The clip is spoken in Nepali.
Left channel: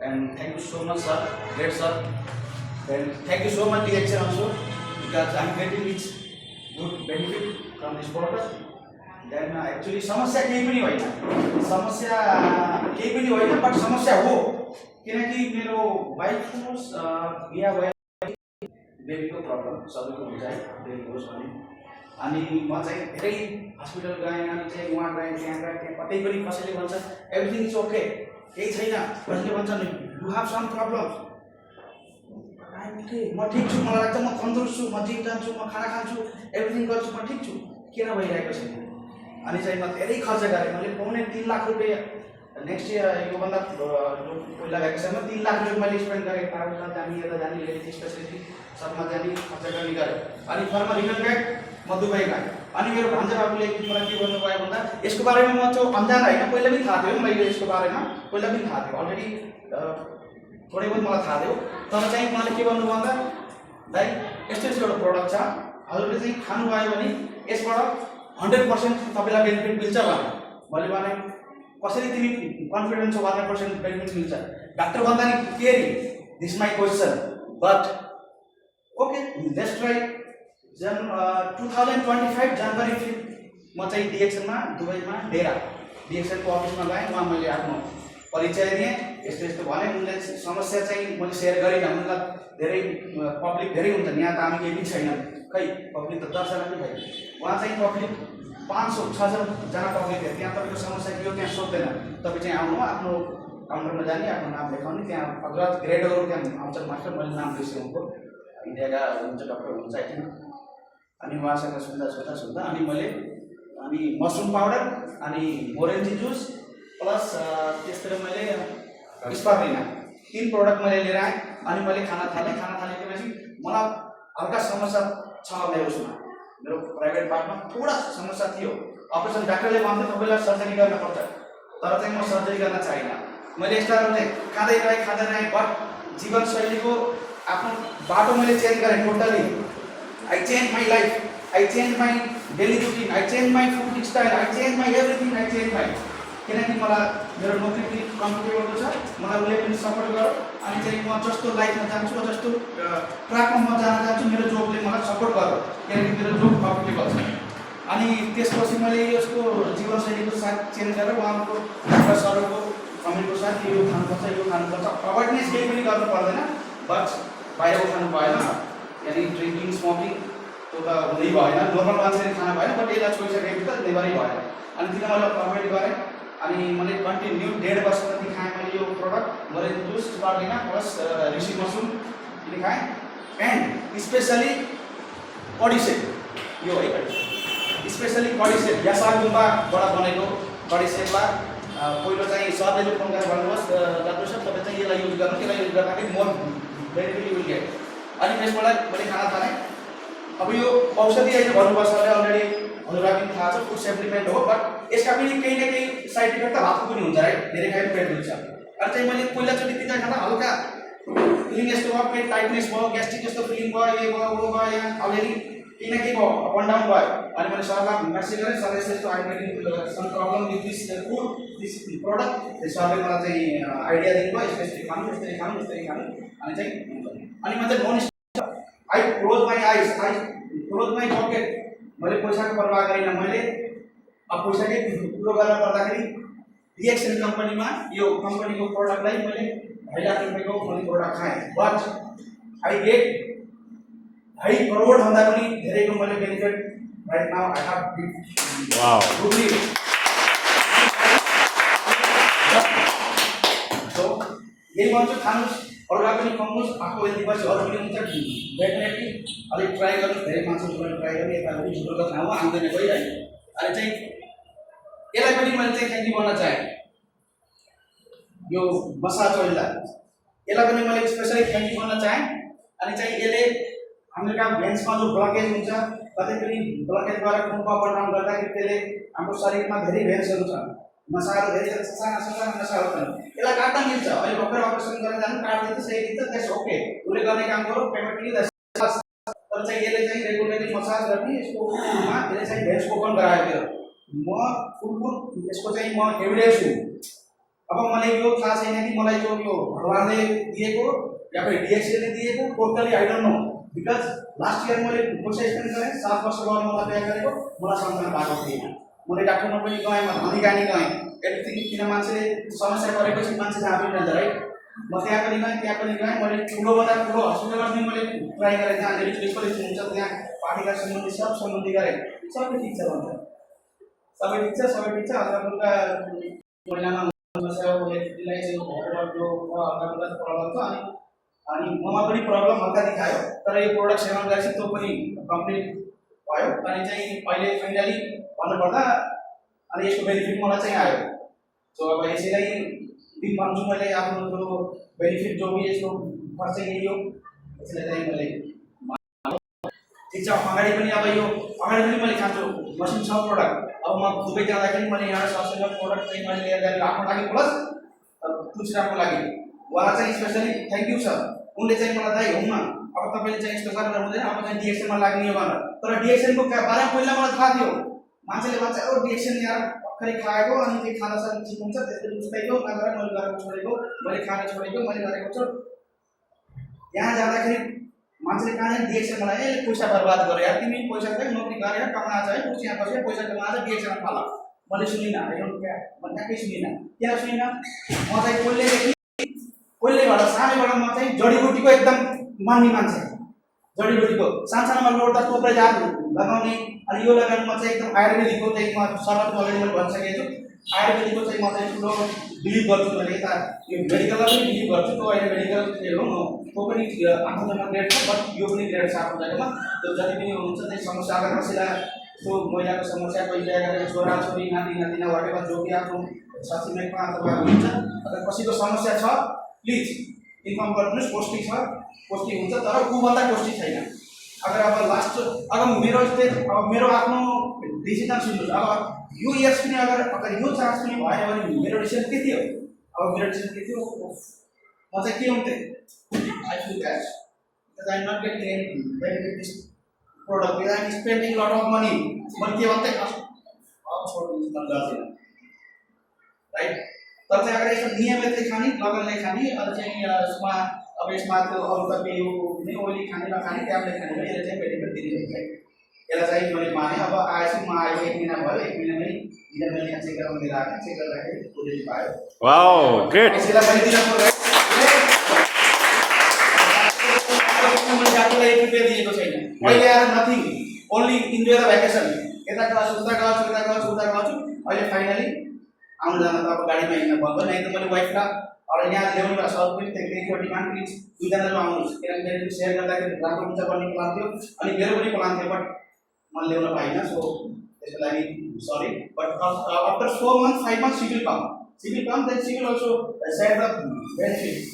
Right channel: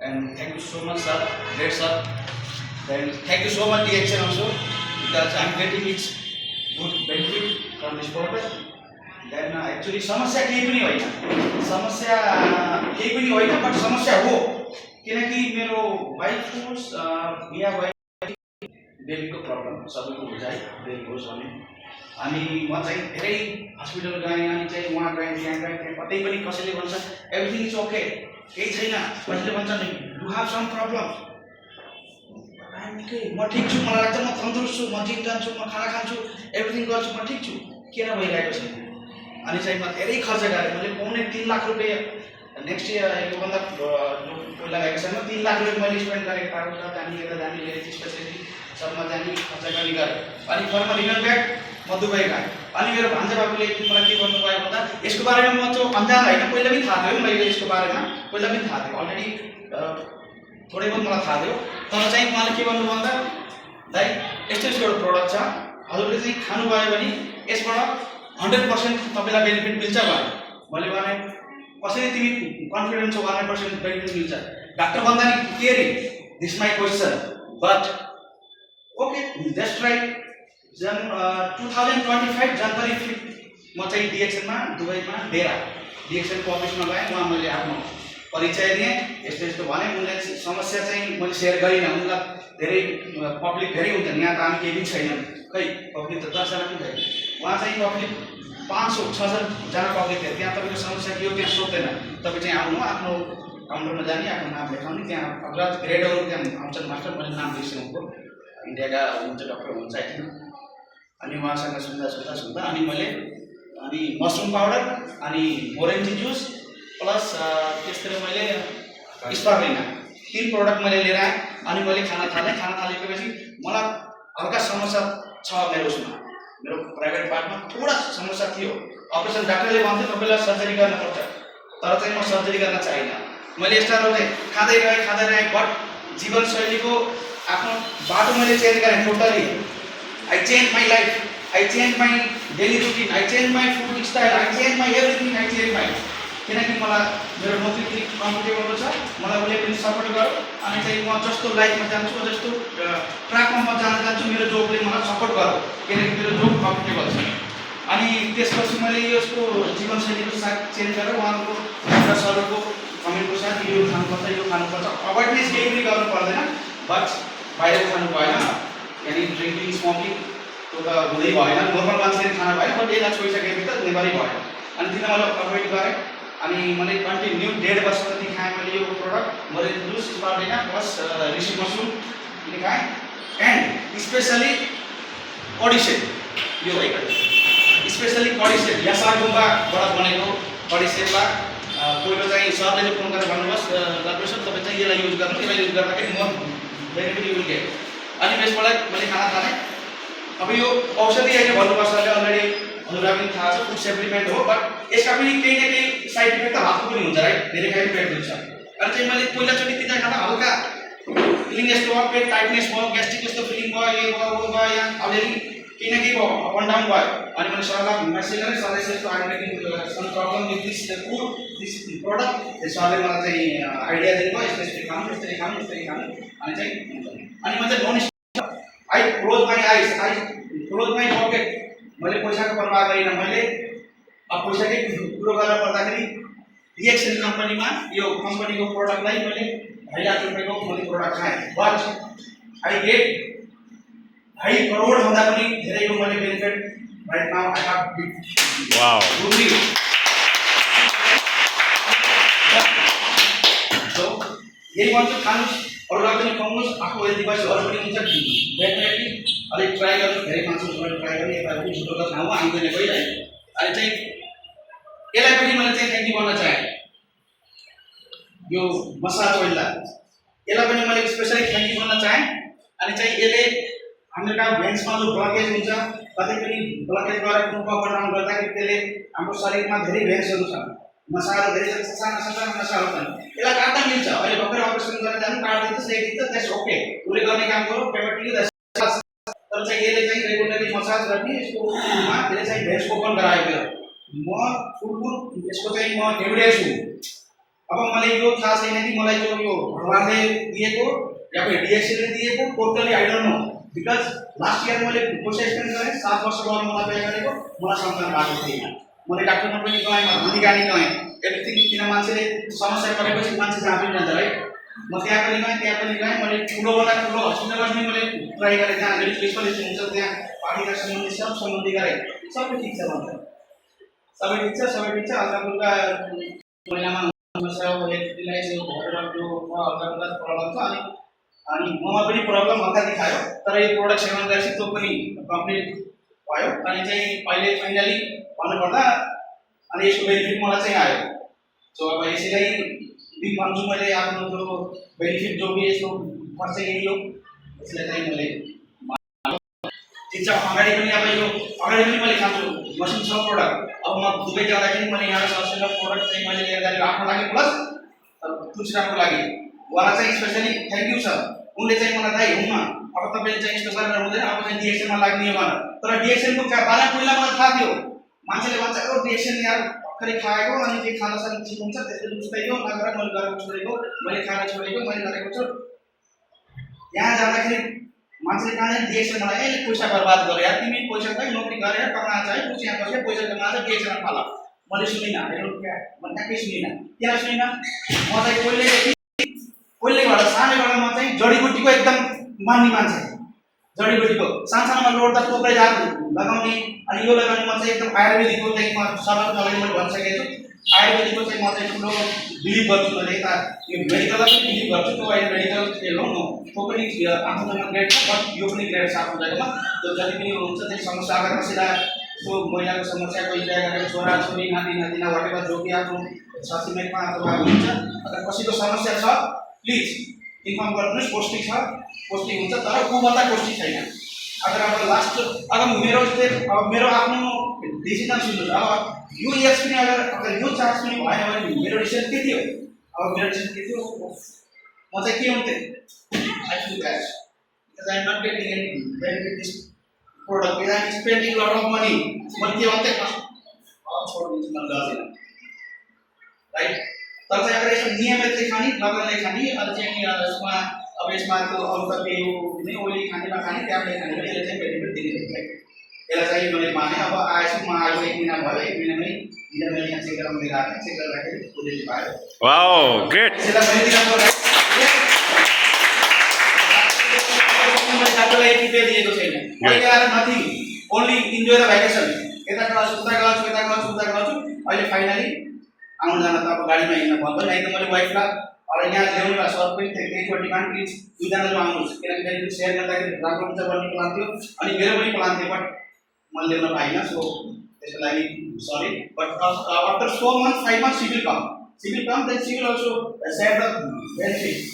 And thank you so much, sir. Great, sir. And thank you so much, DXN also, because I'm getting its good benefit from this portal. Then actually समस्या केही पनि होइन, समस्या केही पनि होइन, बट समस्या हो किनकि मेरो वाइफको बिहा भयो, बेबीको प्रब्लम सबैको बुझाइ बेबी होस् भने अनि म चाहिँ धेरै हस्पिटल गएँ अनि चाहिँ वहाँ गएँ त्यहाँ कतै पनि कसैले भन्छ एभ्रिथिङ इज ओके, केही छैन, कसैले भन्छ नि यु हेभ सम प्रब्लम्स, म ठिक छु, मलाई लाग्छ म तन्दुरुस्त छु, म जिम जान्छु, म खाना खान्छु, एभ्रिथिङ गर्छु, म ठिक छु, किन भइरहेको छैन? अनि चाहिँ म धेरै खर्च गरेँ, मैले पाउने 3 लाख रुपियाँ नेक्स्ट इयर योभन्दा पहिला गएको समय 3 लाख रुपियाँ मैले स्पेन्ड गरेँ, यताउता जाने यता जाने हेल्थ स्पेसलिटी सबमा जाने खर्च गर्ने गरेँ। अनि फर्मा रिटर्न ब्याक म दुबई गएँ। अनि मेरो भान्जा बाबुले मलाई के भन्नुभयो भन्दा यसको बारेमा म चाहिँ अन्जान होइन, पहिला पनि थाहा थियो मैले यसको बारेमा, पहिला पनि थाहा थियो अलरेडी, थोरै बहुत मलाई थाहा थियो, तर चाहिँ उहाँले के भन्नु भन्दा दाइ यस्तो एउटा प्रडक्ट छ, हजुरले चाहिँ खानुभयो भने यसबाट 100% तपाईँलाई बेनिफिट मिल्छ भने मैले भने कसरी तिमी कन्फिडेन्ट छौ 100% बेनिफिट मिल्छ? डाक्टर भन्दा नि caring, this my question, but okay let's try. जन 2025 जनवरी 5 म चाहिँ डिएक्सनमा दुबईमा डेरा डिएक्सनको अफिसमा गएँ, वहाँ मैले आफ्नो परिचय दिएँ, यस्तो यस्तो भने उनले समस्या चाहिँ मैले सेयर गरिनँ, उनलाई धेरै पब्लिक धेरै हुन्छ यहाँ त हामी केही पनि छैन, खै पब्लिक त 10 जना पनि छैन, वहाँ चाहिँ पब्लिक 500-600 जना पब्लिक थियो, त्यहाँ तपाईँको समस्या के हो त्यहाँ सोध्दैन, तपाईँ चाहिँ आउनु आफ्नो काउन्टरमा जाने, आफ्नो नाम लेखाउने, त्यहाँ अग्रज ग्रेडहरू त्यहाँ आउँछन् मास्टर, मैले नाम बिर्सेको इन्डियाका हुनुहुन्छ डक्टर हुनुहुन्छ आई थिङ्क। अनि उहाँसँग सुन्दा अनि मैले अनि मसरुम पाउडर अनि ओरेन्ज जुस प्लस त्यसतिर मैले स्पार्लिना 3 प्रोडक्ट मैले लिएर आएँ। अनि मैले खाना थालेपछि मलाई हल्का समस्या छ मेरो उसमा, मेरो प्राइभेट पार्टमा थोडा समस्या थियो, अपरेसन डाक्टरले भन्थ्यो तपाईँलाई सर्जरी गर्नुपर्छ, तर चाहिँ म सर्जरी गर्न चाहिनँ। मैले यस्ता खाँदै रहेँ, बट जीवनशैलीको आफ्नो बाटो मैले चेन्ज गरेँ totally. I change my life, I change my daily routine, I change my food style, I change my everything, I change my, किनकि मलाई मेरो नोकरी कम्फर्टेबल छ, मलाई उसले पनि सपोर्ट गर्यो। अनि चाहिँ म जस्तो लाइफमा जान्छु, जस्तो ट्र्याकमा म जान जान्छु, मेरो जबले मलाई सपोर्ट गर्यो, किनकि मेरो जब कम्फर्टेबल छ। अनि त्यसपछि मैले यसको जीवनशैलीको साथ चेन्ज गरेर उहाँको एउटा सरको कमेन्टको साथ यो खानुपर्छ, अवेरनेस केही पनि गर्नु पर्दैन, बट बाहिरको खानु भएन, यानि ड्रिङ्किङ स्मोकिङ त्यो त हुँदै भएन, नर्मल मान्छेले खाना भएन, बट यसलाई छोइसकेपछि त नेभरै भएन। अनि तिन मैले अभोइड गरेँ, अनि मैले कन्टिन्यू 1.5 वर्ष जति खाएँ मैले यो प्रोडक्ट, मैले जुस स्पार्लिना प्लस ऋषि मसरुम पनि खाएँ, एन्ड स्पेसली कडिसेट, यो है स्पेसली कडिसेट यासाङ गुम्बाबाट बनेको कडिसेटलाई पहिलो चाहिँ सरले जो फोन गरेर भन्नुहोस् डक्टर सर तपाईँ चाहिँ यसलाई युज गर्नु, यसलाई युज गर्दाखेरि म बेनिफिट युज गरेँ। अनि त्यसबाट मैले खाना थालेँ। अब यो औषधि अहिले भन्नुभयो सरले, अलरेडी हजुरलाई पनि थाहा छ फुड सप्लिमेन्ट हो, बट यसका पनि केही न केही साइड इफेक्ट त हातको पनि हुन्छ राइट, धेरै खाइ पेट दुख्छ। अनि चाहिँ मैले पहिलाचोटि तिनीहरू खाँदा हल्का फिलिङ यस्तो भयो, पेट टाइटनेस भयो, ग्यास्ट्रिक जस्तो फिलिङ भयो, यो भयो वो भयो, यहाँ अलिअलि केही न केही भयो, अप एन्ड डाउन भयो। अनि मैले सरलाई मेसेज गरेँ, सरले यस्तो some problem with this food this product, सरले मलाई चाहिँ आइडिया दिनुभयो यसरी खानु यसरी खानु यसरी खानु। अनि चाहिँ अनि म चाहिँ none I close my eyes, I close my pocket, मैले पैसाको परवाह गरिनँ। मैले अब पैसाकै कुरो गर्न पर्दाखेरि डिएक्सन कम्पनीमा यो कम्पनीको प्रोडक्टलाई मैले 2.5 लाख रुपियाँको मैले प्रोडक्ट खाएँ, बट आई गेट 2.5 करोड भन्दा पनि धेरैको मैले benefit right now I have wow good. So यही भन्छु, खानुहोस्, अरूलाई पनि खुवाउनुहोस्, आफू हेल्दी भएपछि अरू पनि हुन्छ, डेफिनेटली अलिक ट्राई गर्नु, धेरै मान्छेहरू ट्राई गर्नु, यता पनि छुटो त ठाउँमा आउँदैन कोही है। अनि चाहिँ यसलाई पनि मैले चाहिँ थ्याङ्क यू भन्न चाहेँ, यो मसाज ओइललाई, यसलाई पनि मैले स्पेसली थ्याङ्क यू भन्न चाहेँ। अनि चाहिँ यसले हाम्रो कहाँ भेन्समा जो ब्लकेज हुन्छ, कतै पनि ब्लकेज भएर खुनको अप एन्ड डाउन गर्दाखेरि त्यसले हाम्रो शरीरमा धेरै भेन्सहरू छ, नसाहरू धेरै साना साना नसाहरू छन्, यसलाई काट्न मिल्छ। अहिले भर्खर अपरेसन गरेर जानु काट्दिन्छ, सेकिदिन्छ, त्यस ओके, उसले गर्ने काम गरौँ पेमेन्ट लिँदा। तर चाहिँ यसले चाहिँ रेगुलरली मसाज गर्ने, यसको उमा त्यसले चाहिँ भेन्स ओपन गरायो। मेरो म फुल यसको चाहिँ म एभिडेन्स छु, अब मलाई यो थाहा छैन कि मलाई यो भगवानले दिएको या फिर डिएक्सएलले दिएको totally I don't know because last year मैले पैसा स्पेन्ड गरेँ 7 वर्ष गर्न मलाई बिहा गरेको मलाई सन्तान पाएको थिएन मैले डाक्टरमा पनि गएँ अधिकारी गएँ एभ्रिथिङ किन मान्छेले समस्या परेपछि मान्छे जहाँ पनि जान्छ है म त्यहाँ पनि गएँ मैले ठुलोभन्दा ठुलो हस्पिटलमा पनि मैले ट्राई गरेँ जहाँ मेरो स्पेसलिस्ट हुन्छ त्यहाँ पार्टीका सम्बन्धी सब सम्बन्धी गरेँ सबै ठिक छ भन्छ सबै ठिक छ हल्का महिनामा समस्या दिलाई जो हल्का प्रब्लम छ अनि ममा पनि प्रब्लम हल्का देखायो तर यो प्रोडक्ट सेवन गरेपछि त्यो पनि कम्प्लिट भयो अनि चाहिँ अहिले फाइनली भन्नुपर्दा अनि यसको बेनिफिट मलाई चाहिँ आयो सो अब यसैलाई दिन भन्छु मैले आफ्नो जो बेनिफिट जो भी यसको खर्च यही हो यसलाई चाहिँ मैले ठिक छ अगाडि पनि मैले खान्छु मसिन छ प्रोडक्ट अब म दुबई जाँदाखेरि मैले यहाँ सब्सिडीको प्रोडक्ट चाहिँ मैले लिएर जाने आफ्नो लागि प्लस तुलसीरामको लागि उहाँलाई चाहिँ स्पेसली थ्याङ्क यू छ उनले चाहिँ मलाई दाइ हुन्न अब तपाईँले चाहिँ यस्तो गरेर हुँदैन अब चाहिँ डिएक्सएलमा लाग्ने हो भनेर तर डिएक्सएलको बारेमा पहिला मलाई थाहा थियो मान्छेले भन्छ ओ डिएक्सएल यार भर्खरै खाएको अनि त्यो खाना साना ठिक हुन्छ त्यसले उस्तैको नगरेर मैले गरेको छोडेको मैले खाना छोडेको मैले गरेको छु यहाँ जाँदाखेरि मान्छेले कहाँ डिएक्सएल मलाई ए पैसा बर्बाद गरे यार तिमी पैसा चाहिँ नोकरी गरेर कमाएको छ है पछि यहाँ बसेर पैसा कमाएर डिएक्सएल फाल मैले सुनिनँ मैले ट्याक्कै सुनिनँ किन सुनिनँ म चाहिँ पहिल्यैबाट सानैबाट म चाहिँ जडीबुटीको एकदम मान्ने मान्छे जडीबुटीको सानसानोमा लोड्दा टोक्रै जात लगाउने अनि यो लगाउने म चाहिँ एकदम आयुर्वेदिकको चाहिँ म सबैको अगाडि मैले भनिसकेको छु आयुर्वेदिकको चाहिँ म चाहिँ ठुलो बिलिभ गर्छु मैले यता यो मेडिकललाई पनि बिलिभ गर्छु त्यो अहिले मेडिकल हेर्नु न त्यो पनि आफ्नोमा ग्रेड छ बट यो पनि ग्रेड छ आफ्नो जग्गामा त्यो जति पनि हुन्छ त्यो समस्या अगर कसैलाई त्यो महिलाको समस्या कोही गरेको छोरा छोरी नाति नातिना वाटेमा जो कि आफ्नो साथीमेटमा अथवा हुन्छ अगर कसैको समस्या छ प्लिज इन्फर्म गर्नुहोस् पोस्टिङ हुन्छ तर ऊभन्दा पोस्टिङ छैन अगर अब लास्ट अब मेरो आफ्नो डिसिजन सुन्नुहोस् अब यो इयर्स पनि अगर यो चार्ज पनि भएन भने मेरो डिसिजन के थियो अब मेरो डिसिजन के थियो म चाहिँ के हुन्थेँ I feel bad because I am not getting any benefit this product because I am spending lot of money मैले के भन्थेँ छोडिदिन्छु मन गर्दैन राइट तर चाहिँ अगर यसको नियमित चाहिँ खाने लगनले खाने अझ चाहिँ यसमा अब यसमा त्यो अरू त पेय हुने ओइली खानेमा खाने ट्याब्लेट खाने पनि यसले चाहिँ बेनिफिट दिने यसलाई चाहिँ मैले माने अब आएछु म आएको 1 महिना भयो 1 महिनामै हिजो मैले यहाँ चेक गराउनु लिएर आएको चेक गर्दाखेरि पोजिटिभ आयो वाओ ग्रेट यसलाई मैले दिनको मैले आफूलाई प्रिपेयर दिएको छैन अहिले आएर nothing only enjoy the vacation यता गर्छु अहिले फाइनली आउनु जान त अब गाडीमा हिँड्न भन्दैन नहीं त मैले वाइफलाई और यहाँ ल्याउने भए सर पनि त्यही डिमान्ड प्लिज दुईजना जो आउनुहोस् किनकि सेयर गर्दाखेरि राम्रो हुन्छ भन्ने प्लान थियो अनि मेरो पनि प्लान थियो बट मैले ल्याउन पाइनँ सो त्यसको लागि sorry but after 4 months 5 months she will come then she will also share the benefits